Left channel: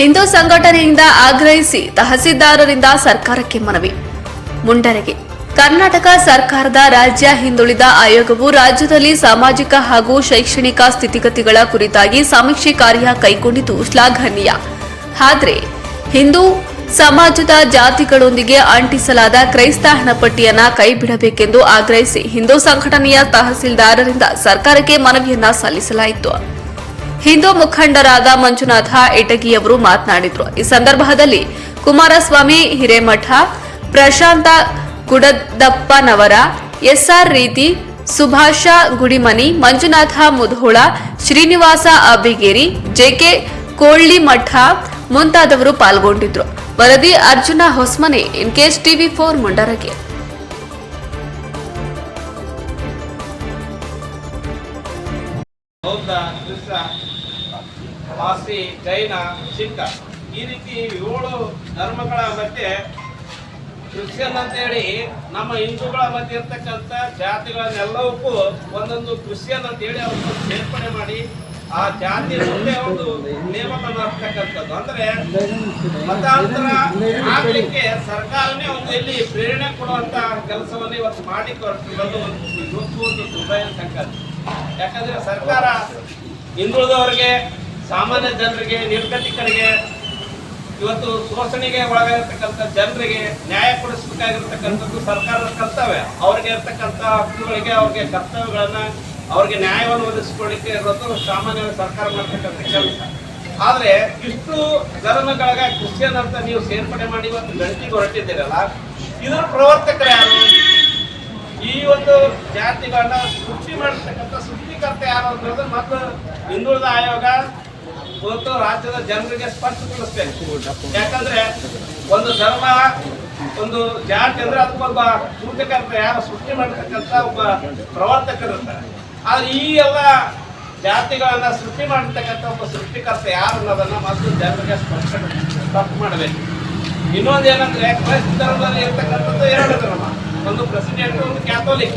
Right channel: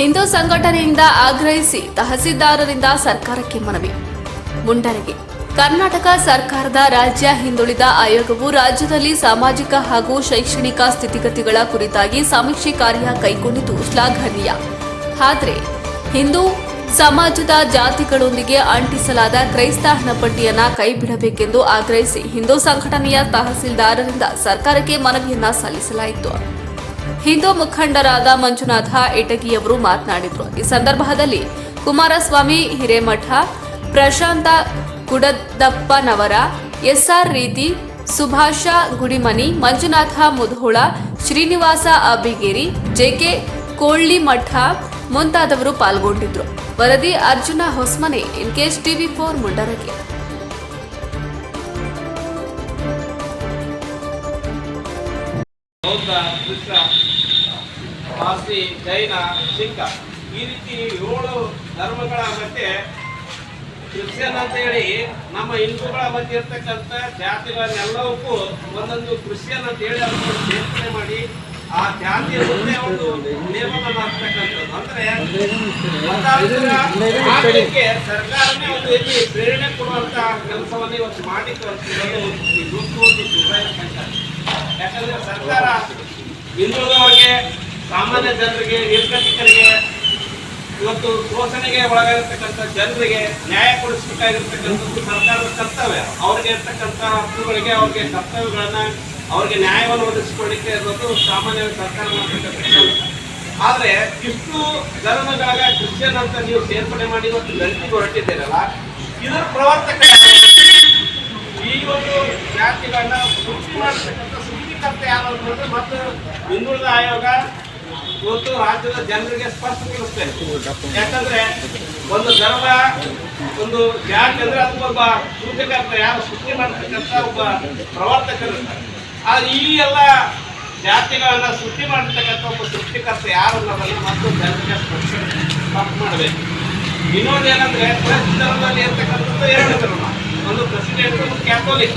ಹಿಂದೂ ಸಂಘಟನೆಯಿಂದ ಆಗ್ರಹಿಸಿ ತಹಸೀಲ್ದಾರರಿಂದ ಸರ್ಕಾರಕ್ಕೆ ಮನವಿ. ಮುಂಡರಗೆ. ಕರ್ನಾಟಕ ಸರ್ಕಾರದ ರಾಜ್ಯ ಹಿಂದುಳಿದ ಆಯೋಗವು ರಾಜ್ಯದಲ್ಲಿ ಸಾಮಾಜಿಕ ಹಾಗೂ ಶೈಕ್ಷಣಿಕ ಸ್ಥಿತಿಗತಿಗಳ ಕುರಿತಾಗಿ ಸಮೀಕ್ಷೆ ಕಾರ್ಯ ಕೈಗೊಂಡಿದ್ದು ಶ್ಲಾಘನೀಯ. ಆದರೆ, ಹಿಂದೂ ಸಮಾಜದ ಜಾತಿಗಳೊಂದಿಗೆ ಅಂಟಿಸಲಾದ ಕ್ರೈಸ್ತ ಹಣಪಟ್ಟಿಯನ್ನ ಕೈಬಿಡಬೇಕೆಂದು ಆಗ್ರಹಿಸಿ ಹಿಂದೂ ಸಂಘಟನೆಯ ತಹಸೀಲ್ದಾರರಿಂದ ಸರ್ಕಾರಕ್ಕೆ ಮನವಿಯನ್ನ ಸಲ್ಲಿಸಲಾಯಿತು. ಹಿಂದೂ ಮುಖಂಡರಾದ ಮಂಜುನಾಥ ಇಟಗಿಯವರು ಮಾತನಾಡಿದರು. ಈ ಸಂದರ್ಭದಲ್ಲಿ ಕುಮಾರಸ್ವಾಮಿ, ಹಿರೇಮಠ, ಪ್ರಶಾಂತ ಗುಡದಪ್ಪನವರ ಎಸ್ಆರ್ ರೀತಿ, ಸುಭಾಷ ಗುಡಿಮನಿ, ಮಂಜುನಾಥ ಮುಧೋಳ, ಶ್ರೀನಿವಾಸ ಅಬ್ಬಿಗೇರಿ ಜೆಕೆ ಕೋಳ್ಳಿಮಠ ಮುಂತಾದವರು ಪಾಲ್ಗೊಂಡಿದ್ರು. ವರದಿ ಅರ್ಜುನ ಹೊಸ್ಮನೆ ಇನ್ಕೇಸ್ ಟಿವಿ ಫೋರ್ ಮುಂಡರಗೆ ಹೌದಾ ಪಾರ್ಸಿ ಜೈನ ಸಿಕ್ಕ ಈ ರೀತಿ ಏಳು ಧರ್ಮಗಳ ಮಧ್ಯೆ ಕ್ರಿಶ್ಚಿಯನ್ ಅಂತೇಳಿ ನಮ್ಮ ಹಿಂದೂಗಳ ಮಧ್ಯೆ ಇರ್ತಕ್ಕಂಥ ಜಾತಿಗಳನ್ನೆಲ್ಲವಕ್ಕೂ ಒಂದೊಂದು ಕ್ರಿಶ್ಚಿಯನ್ ಅಂತ ಹೇಳಿ ಅವರು ಸೇರ್ಪಡೆ ಮಾಡಿ ಆ ಜಾತಿಯ ಮುಂದೆ ಒಂದು ನೇಮಕ ಮಾಡ್ತಕ್ಕಂಥದ್ದು ಅಂದ್ರೆ ಮತಾಂತರಕ್ಕೆ ಸರ್ಕಾರನೇ ಒಂದು ರೀತಿ ಪ್ರೇರಣೆ ಕೊಡುವಂತ ಕೆಲಸವನ್ನು ಇವತ್ತು ಮಾಡಿ ಈ ಗುರುತು. ಯಾಕಂದ್ರೆ ಸರ್ಕಾರ ಹಿಂದುಳಿದವರಿಗೆ ಸಾಮಾನ್ಯ ಜನರಿಗೆ ನಿರ್ಗತಿಕರಿಗೆ ಇವತ್ತು ಶೋಷಣೆಗೆ ಒಳಗಾಗಿರ್ತಕ್ಕಂಥ ಜನರಿಗೆ ನ್ಯಾಯ ಕೊಡಿಸಬೇಕಾಗಿರ್ತಕ್ಕಂಥದ್ದು ಸರ್ಕಾರದ ಕರ್ತವ್ಯ. ಅವ್ರಿಗೆ ಇರ್ತಕ್ಕಂಥ ಹಕ್ಕುಗಳಿಗೆ, ಅವ್ರಿಗೆ ಕರ್ತವ್ಯಗಳನ್ನ ಅವ್ರಿಗೆ ನ್ಯಾಯವನ್ನು ಒದಗಿಸಿಕೊಳ್ಳಿಕ್ಕೆ ಇರೋದು ಸಾಮಾನ್ಯ ಸರ್ಕಾರ ಮಾಡ್ತಕ್ಕಂಥ ಆದ್ರೆ ಇಷ್ಟು ಧರ್ಮಗಳಾಗ ಕ್ರಿಶ್ಚಿಯನ್ ಅಂತ ನೀವು ಸೇರ್ಪಡೆ ಮಾಡಿ ಇವತ್ತು ಗಂಟಿಗೆ ಹೊರಟಿದ್ದೀರಲ್ಲ, ಇದರ ಪ್ರವರ್ತಕ ಈ ಒಂದು ಜಾತಿಗಳನ್ನ ಸೃಷ್ಟಿ ಮಾಡತಕ್ಕಂಥ ಸೃಷ್ಟಿಕರ್ತ ಯಾರು ಅಂತಂದ್ರೆ ಮತ್ತು ಹಿಂದುಳಿದ ಆಯೋಗ ಇವತ್ತು ರಾಜ್ಯದ ಜನರಿಗೆ ಸ್ಪಷ್ಟಪಡಿಸ್ತೇನೆ ಯಾಕಂದ್ರೆ ಒಂದು ಧರ್ಮ, ಒಂದು ಜಾತಿ ಅಂದ್ರೆ ಒಬ್ಬ ಸೂಚಕರ್ತ ಯಾರು ಸೃಷ್ಟಿ ಮಾಡತಕ್ಕಂತ ಒಬ್ಬ ಪ್ರವರ್ತಕರು ಇರ್ತಾರೆ ಆದ್ರೆ ಈ ಎಲ್ಲ ಜಾತಿಗಳನ್ನ ಸೃಷ್ಟಿ ಮಾಡಿರ್ತಕ್ಕಂಥ ಒಬ್ಬ ಸೃಷ್ಟಿಕರ್ತ ಯಾರು ಅನ್ನೋದನ್ನ ಮತ್ತು ಜನರಿಗೆ ಸ್ಪಷ್ಟ ಮಾಡಬೇಕು. ಇನ್ನೊಂದೇನಂದ್ರೆ ಕ್ರೈಸ್ತ ಧರ್ಮದಲ್ಲಿ ಇರ್ತಕ್ಕಂಥದ್ದು ಎರಡು ಧರ್ಮ. ಒಂದು ಪ್ರೆಸಿಡೆಂಟ್ ಕ್ಯಾಥೋಲಿಕ್.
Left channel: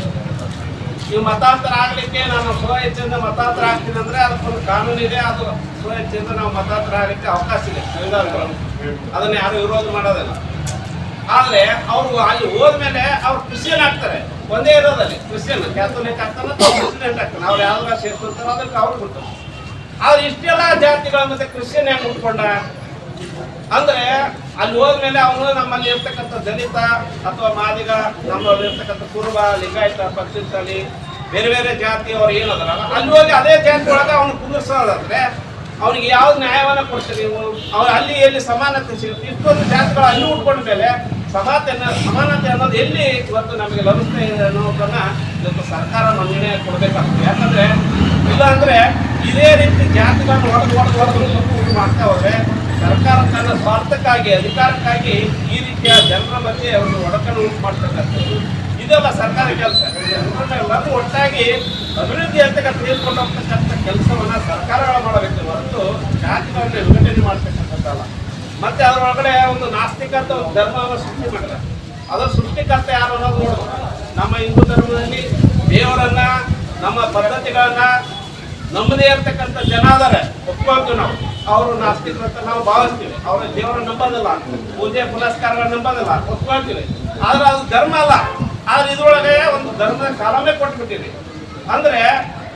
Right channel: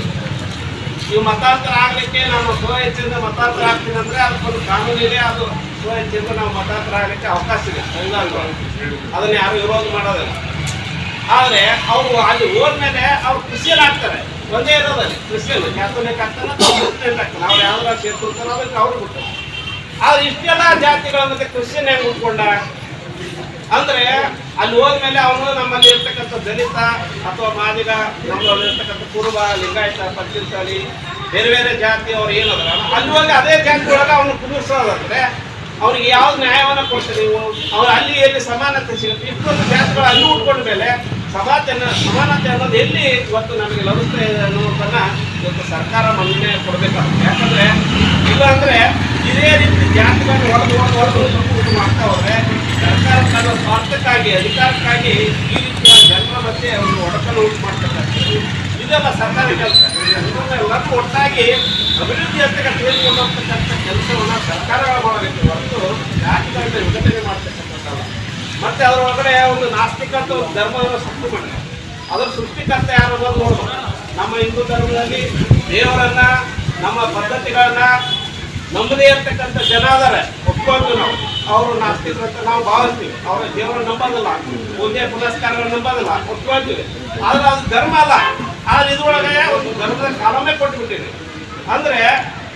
ಇವು ಮತಾಂತರ ಆಗ್ಲಿಕ್ಕೆ ನಾನು ಸ್ವ ಇಚ್ಛೆಯಿಂದ ಮತಾಂತರ ಆಗ್ತೀನಿ ಅಂದ್ರೆ ಅದಕ್ಕೊಂದು ಕಾನೂನು ಇದೆ, ಅದು ಸ್ವ ಇಚ್ಛೆಯಿಂದ ನಾವು ಮತಾಂತರ ಆಗ್ಲಿಕ್ಕೆ ಅವಕಾಶ ಇದೆ. ಅದನ್ನ ಯಾರು ವಿರೋಧ ಮಾಡೋದಿಲ್ಲ. ಆದ್ರೆ ಅವರು ಅಲ್ಲಿ ಹೋದ್ಮೇಲೆ ಅವ್ರು ಕೃಷಿಯಲ್ಲಿ ಆಗ್ತಾರೆ. ಒಂದೇ ಇರೋದಲ್ಲಿ ಕೃಷಿಯಲ್ಲಿ. ಕ್ಯಾಥೋಲಿಕ್ ಆಗ್ತಾನೆ ಪ್ರೆಸಿಡೆಂಟ್ ಆಗ್ತಾನೆ ಅವ್ರು ಯಾವ್ದಾರ ಸೇರ್ಕೊಳ್ತಾರೋ ಅದಕ್ಕೆ ಅವ್ರು ಬಿಡ್ತಾರೆ. ಆದ್ರೆ ಇಷ್ಟೆಲ್ಲ ಜಾತಿಗಳ ಮತ್ತೆ ಕ್ರಿಶ್ಚಿಯನ್ ಹೆಂಗ್ ಉಟ್ಕೊಂಡ ಅಂದ್ರೆ ಅಲ್ಲಿ ಹೋದ್ಮೇಲೆ ಅವನು ನಮ್ಮಲ್ಲಿ ಇರ್ತಕ್ಕಂಥ ದಲಿತ ಅಥವಾ ಮಾದಿಗ ನಮ್ಮಲ್ಲಿ ಇರ್ತಕ್ಕಂಥ ಕುರುಬ, ಲಿಂಗಾಯತ ಪಂಚಮಸಾಲಿ ಬೇರೆ ಬೇರೆ ಜಾತಿಯವರು ಏನದ್ರ ಅಲ್ಲಿ ಹೋಗಿ ಅದೇ ಜಾತಿ ಒಳಗೆ ಅವನು ಕುಂದಿರ್ಸೋದಂದ್ರೆ ಅವ್ರಿಗೆ ಯಾವ ನ್ಯಾಯವನ್ನ ಕೊಡ್ತೀರಿ ನೀವು? ಅವ್ರು ಅಲ್ಲಿ ಎಲ್ಲಿ ಸಮಾನತೆ ಸಿಗುತ್ತೆ ಇಷ್ಟೊಂದು ಜಾತಿಗಳು ಅಲ್ಲಿ ಉಟ್ಕೊಂಡ ಮೇಲೆ ಸಮಾತೆ ಸಮಾನತೆ ಅನ್ನೋದು ಎಲ್ಲಿ ಇವತ್ತು ನಮಗೆ ಲಭಿಸ್ತಾ ಇದೆ ಅನ್ನೋದನ್ನ ಇವತ್ತು ಸರ್ಕಾರ ಮನ್ನಣೆ ಕೊಡ್ಬೇಕಾಗ್ತದೆ. ಯಾಕಂದ್ರೆ ಇಲ್ಲ ಅಂದ್ರೆ ಇದೇ ರೀತಿ ಜಾತಿಗಳನ್ನು ಹೊಡೆದು ಹೊಡೆದು ಹೊಡೆದು ಇದು ಮಾಡ್ತಾ ಹೋದ್ರೆ ಸರ್ಕಾರ ತನ್ನ ಸ್ವಾರ್ಥಕ್ಕಾಗಿ ಅಧಿಕಾರಕ್ಕಾಗಿ ಈ ರೀತಿಯ ಜನರ ಮಧ್ಯೆ ಅವರು ಒಡಕಲು ಉಂಟು ಮಾಡ್ತಾರೆ ಇದೆಲ್ಲ ಸರ್ಕಾರ ಕೆಲಸ ಎಲ್ಲರೂ ಒಟ್ಟಾಗಿ ಅಭಿವೃದ್ಧಿ ಅಂತ ತೆಗೆದುಕೊಂಡು ಕೆಲಸವನ್ನ ಸರ್ಕಾರಗಳು ಮಾಡಬೇಕು ಹೊರತು ಜಾತಿಗಳನ್ನ ವಿಭಜನೆ ಮಾಡ್ತಕ್ಕಂಥದ್ದಲ್ಲ ಮತ್ತೆ ಅವರೊಳಗಡೆ ಒಂದು ನಾಸ್ತಿಕ ಅಂತ ಒಂದು ಧರ್ಮವನ್ನು ಸೃಷ್ಟಿ ಮಾಡಿದ್ದಾರೆ ಅದರ ಸೃಷ್ಟಿಕರ್ತ ಯಾರು ನಮ್ಮ ಹಿಂದೂ ಧರ್ಮದಲ್ಲಿ ದೇವರನ್ನ, ನಮ್ಮ ಪದ್ಧತಿಗಳನ್ನ ನಮ್ಮದೇ ಇರ್ತಕ್ಕಂಥ ಜನ ಅದಾರೆ, ಒಪ್ಕೊಳ್ತೀವಿ ನಾವು. ಅವರು ನಾಸ್ತಿಕ ಅಂತ ನಾವು ಭಾವಿಸ್ತೀವಿ. ಅವ್ರ ದೇವರ ನಂಬೋದಿಲ್ಲ. ಪೂಜೆ ಪುನಸ್ಕಾರ ನಂಬೋದಿಲ್ಲ. ಒಪ್ಕೊಳ್ತೀವಿ. ಆದ್ರೆ ಅದು ಧರ್ಮ ಅಲ್ಲ. ಆದ್ರೆ ಇದ್ರೊಳಗೆ ಒಂದು ಧರ್ಮದ ಕಾಲವೇ ಕೊಟ್ಬಿಟ್ಟಿದೆ. ಅಂದ್ರೆ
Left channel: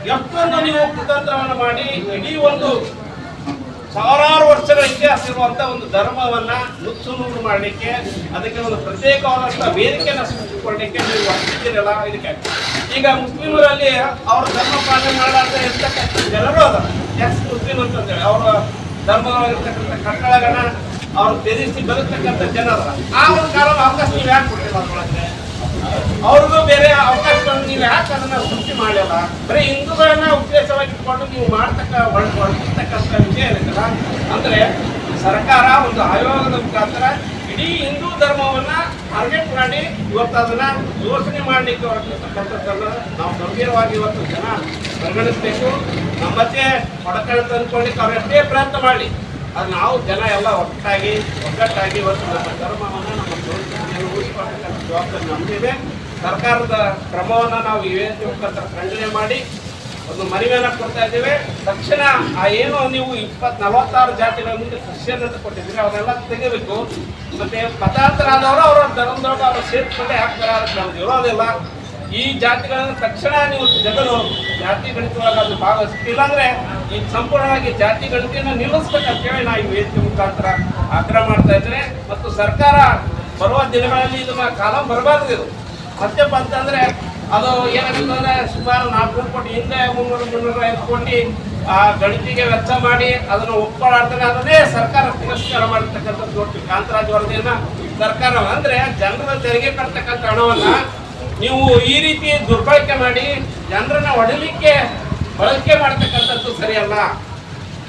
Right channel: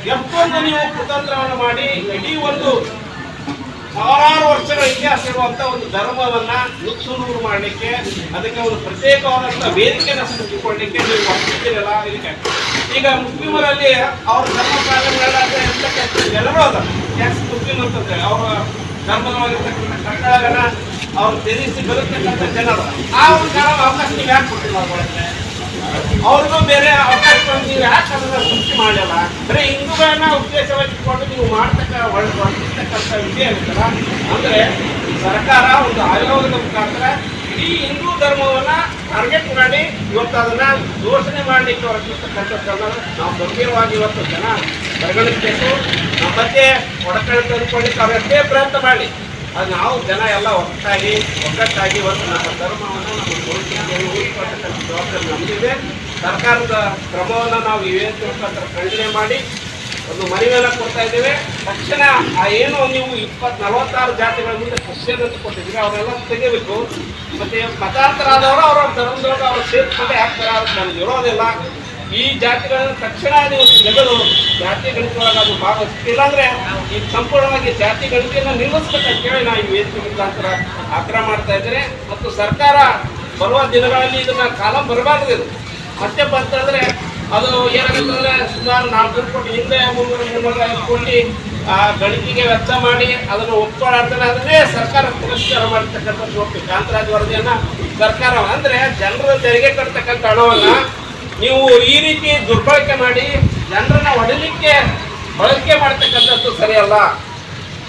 ಎಷ್ಟೊಂದು ನೀವು ಕುತಂತ್ರವನ್ನು ಮಾಡಿ, ಇಡೀ ಒಂದು ಸಾವಿರಾರು ವರ್ಷಗಳ ಇತಿಹಾಸ ಇರುವಂತ ಒಂದು ಧರ್ಮವನ್ನ ನುಚ್ಚುನೂರು ಮಾಡಲಿಕ್ಕೆ, ಅದಕ್ಕೆ ಒಂದು ಪ್ರತ್ಯೇಕವಾದಂತಹ ವೇದಿಕೆಯನ್ನು ಸೃಷ್ಟಿಕೊಳ್ಳಲಿಕ್ಕೆ ನೀವು ಹೊರಟಿದ್ದೀರಲ್ಲ, ಇದಕ್ಕೆ ಈಗ ಮುಸ್ಲಿಮರಲ್ಲಿ ಅವ್ರ ಧರ್ಮ ಪಾಲನೆ ಮಾಡಲಾರ್ದೆ ಇರ್ತಕ್ಕಂಥ ಎಲ್ಲರೂ ಅದ ಯಾಕೆ ಮುಸ್ಲಿಮ್ ಅಂತಂದ್ರೆ ಅವರ ಧರ್ಮದವಾಗಿರ್ತಕ್ಕಂಥ ಕಟ್ಟಡಗಳನ್ನ ಅವ್ರು ತ್ಯಜಿಸಿ ಬದುಕ್ತಕ್ಕಂಥ ಜನರು. ಆ ಒಂದು ಕಾರಣ ಅವಕಾಶ ನೀವು ಯಾಕೆ ಕೊಟ್ಟಿಲ್ಲ ಅವ್ರಿಗೆ ಬೇರೆ ಅವಕಾಶ ನೀವು ಯಾಕೆ ಅದನ್ನ ಸೃಷ್ಟಿ ಮಾಡಲ್ಲ ಬರೀ ಹಿಂದೂಗಳನ್ನ ಉದ್ದೇಶವಾಗಿ ಇಟ್ಕೊಂಡು ನೀವು ಮಾಡ್ತಕ್ಕ ಮಾಡ್ತಿರ್ತಕ್ಕಂಥ ವಿಷಯ ಇರುತ್ತಲ್ಲ ಅಂದ್ರೆ ಸರ್ಕಾರ ಒಂದು ಆಯೋಗದ ಮುಖಾಂತರ ಇಡೀ ಹಿಂದೂ ಧರ್ಮವನ್ನ ಟಾರ್ಗೆಟ್ ಮಾಡಿ ಇವತ್ತು ಅದನ್ನ ದೋಷಣೆ ಮಾಡಲಿಕ್ಕೆ ಹೊರಟಿರ್ತಕ್ಕಂಥದ್ದನ್ನ ನಾವು ಗಂಭೀರವಾಗಿ ಇವತ್ತು ಜನ ಪರಿಗಣಿಸಬೇಕು. ನಮ್ಮ ಬಗ್ಗೆ ಒಡಕಣ ತಂದುಕೊಳ್ಳಿಕ್ಕೆ ಅವರಷ್ಟೇ ಪ್ರಯತ್ನ ಮಾಡಿ ಅದು ನಾವು ಜನ ಎಲ್ಲ ಒಟ್ಟಾಗಿ, ಒಗ್ಗಟ್ಟಾಗಿ ಒಂದು ನಮ್ಮ ಧರ್ಮವನ್ನು, ನಮ್ಮ ಸಂಸ್ಕೃತಿಯನ್ನು ಉಳಿಸಿಕೊಳ್ತಕ್ಕಂಥ ಜವಾಬ್ದಾರಿ ನಮಗಿದೆ. ಸರ್ಕಾರದ ಕ್ರಮವನ್ನು ನಾವು ವೇದಿಕೆ ಮುಖಾಂತರ ಖಂಡನೆ ಮಾಡಿ ಒಂದು ಮನವಿಯನ್ನ ಕೊಡ್ತಾ ಇದ್ದೇವೆ. ತಕ್ಷಣ ಆ ಏನು ನೀವು ಇಪ್ಪತ್, ನಲವತ್ತಾರು ಜಾತಿಗಳ ಮುಂದೆ ಕ್ರಿಶ್ಚಿಯನ್ ಕೊಟ್ಟಿದ್ದೀರಿ, ಅವರೆಲ್ಲ ತೆಗೆಯಬೇಕು. ಮತ್ತೆ ಮತಾಂತರ ಆದವರು ಅವರ ಧರ್ಮದೊಳಗೆ ಅವ್ರು ಸೇರ್ಕೊಂಡು ಹಾಕ್ತಾರೆ ಅವ್ರಿಗೆ ನಮ್ಗೆ ಇರೋದಿಲ್ಲ ಈ ಜಾತಿಗಳನ್ನು ತಕ್ಷಣ ನೀವು ತೆಗೆದು ಜಾತಿ ಗಣಿತವಾಗಿ ನಾವು ಭಾವಿಸ್ತಿಲ್ಲ ಅಂದ್ರೆ ಈ ಸಂಪೂರ್ಣವಾಗಿ ಜಾತಿ ಗಣಿತೆಯನ್ನು ನಿಲ್ಲಿಸ್ಬೇಕಂತೇಳಿ ನಾವು ಈ ವೇದಿಕೆ ಮುಖಾಂತರ ಆಗ್ರಹ ಮಾಡ್ತಾ ಇದ್ದರೆ ಮತ್ತು ಸರ್ಕಾರ ಬರುವ ದಿನಗಳಲ್ಲಿ ಇದನ್ನ ಕಾಲ ಬರಬಾರ್ದು ಇದು. ಮತ್ತೆ ಬಂತಂದ್ರೆ ಅದು ಏನಾಗುತ್ತಂದ್ರೆ ಸುಮಾರು ನಾಲ್ಕು ಕೋಟಿ ಹಿಂದೆ ಮುನ್ನೂರು ಮುನ್ನೂರ ಐದು ಆ ಗಣಿತಿಗೆ ವೆಚ್ಚ ಮಾಡಿ ಅದನ್ನು ಒಪ್ಕೊಳ್ಳಾಡ್ತಾನೆ ಅದನ್ನೇ ಸರ್ಕಾರ ಪುರಸ್ಕಾರ ಮಾಡ್ತಕ್ಕಂಥ ಕಾಂತರಾಜ್ ವರದಿಯನ್ನ ಸರ್ಕಾರ ಅಂದ್ರೆ ಜನರ ತೆರಿಗೆ ಕಟ್ತಕ್ಕಂಥ ಹಣವನ್ನ ನೀವು ಈ ರೀತಿ ದುರ್ಬಳಕೆ ಮಾಡಿ ಜನರನ್ನ ಹೊಡಲಿಕ್ಕೆ ಬಳಕೆ ಮಾಡ್ತಕ್ಕಂಥದ್ದು ಸರಿಯಲ್ಲ.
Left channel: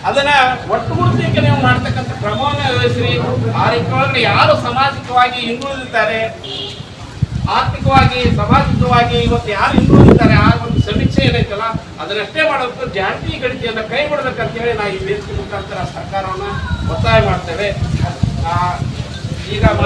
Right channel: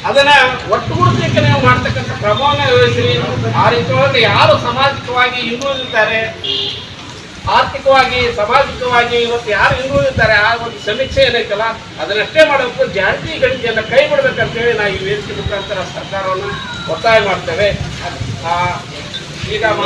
ಅದನ್ನ ಒಟ್ಟುಗೂಡಿಸಲಿಕ್ಕೆ ನೀವು ಮಾಡ್ತಕ್ಕಂಥ ಕ್ರಮವನ್ನು ವಹಿಸ್ರಿ ಆ ರೀತಿ ಒಳಗಡೆ ಯಾರು ಸಾಮಾಜಿಕವಾಗಿ ಹಿಂದುಳಿದಿದ್ದಾರೆ? ಆರ್ಥಿಕವಾಗಿ, ಸಾಮಾಜಿಕವಾಗಿ ಇವತ್ತು ಯಾರು ಹಿಂದುಳಿದಿದ್ದಾರೆ? ಆ ಒಂದು ಸಮೀಕ್ಷೆ ಏನೈತಲ್ಲ ಅದನ್ನಷ್ಟೇ ಮಾಡಬೇಕು ಜಾತಿ ಗಳಿಕೆಯನ್ನು ಕೈ ಬಿಡಬೇಕಂತೇಳಿ ನಾವು ಈ ವೇದಿಕೆ ಮುಖಾಂತರ ಸರ್ಕಾರವನ್ನು ಒತ್ತಾಯ ಮಾಡ್ತೇವೆ. ಈಗ